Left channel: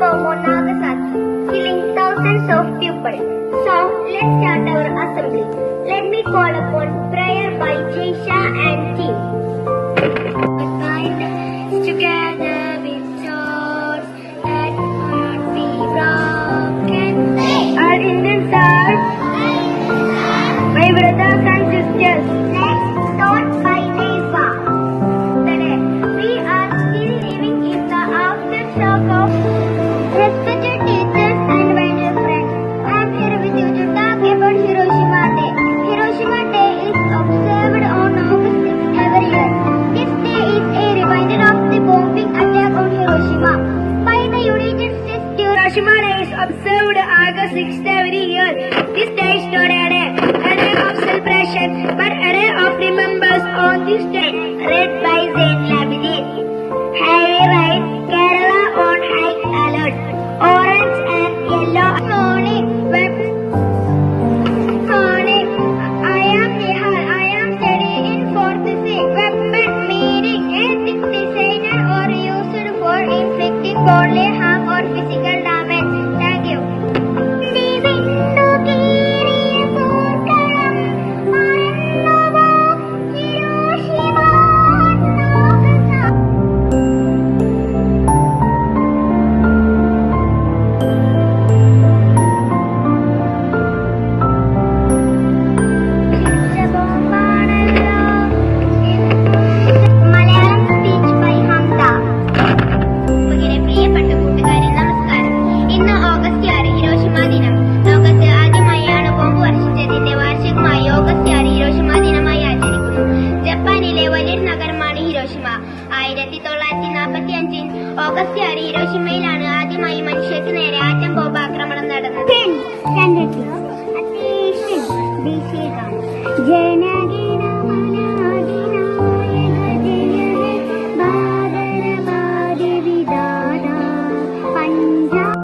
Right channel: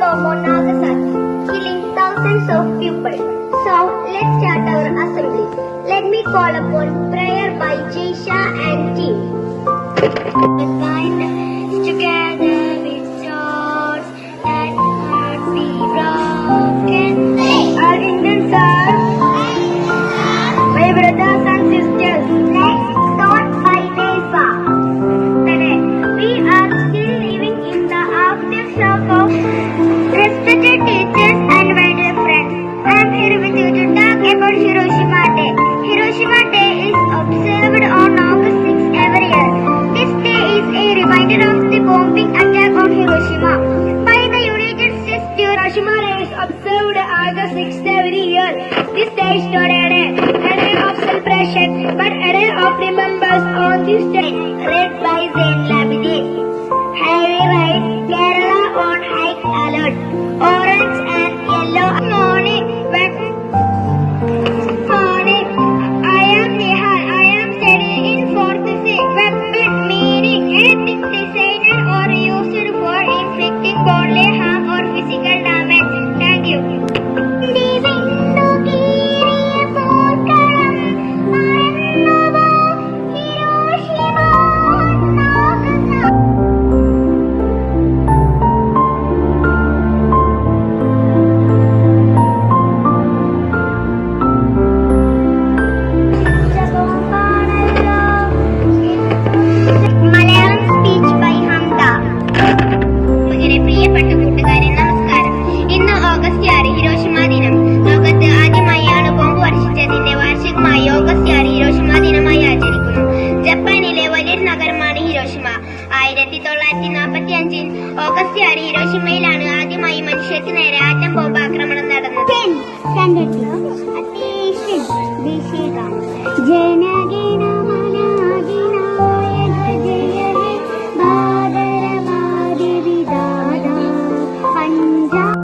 bomb on Nagasaki, killing thousands of people. So, let's start our assembly. Let me call upon prayer by Jaisha and team. Bind together with swords that cannot be broken. Our Indians are my brothers and sisters. Let's start by Naifa. Today, we are still living in the aftershock of respected teachers and my dear friends. I am here with you to talk about Hiroshima Day. Hiroshima Day is observed on August 6 every year. This day is a reminder of the bombing attack on Hiroshima by the United States. Hiroshima Day is observed August 6 every year. This day is not a day of celebration, but a day of remembrance on this day. Read by Zain Labidin. Heavy rain, Kerala on high alert. Orange and yellow morning. I am studying in fourth C. Weapon meaning anything designed or used for inflicting bodily harm or physical damage. Thank you. ജപ്പാനിലെ വലിയ നഗരമാണ് Hiroshima. 1945 August 6 ഹിരോഷിമയിലാണ് ആദ്യമായി മനുഷ്യർക്ക് നേരെ atom bomb ആക്രമണം നടന്നത്.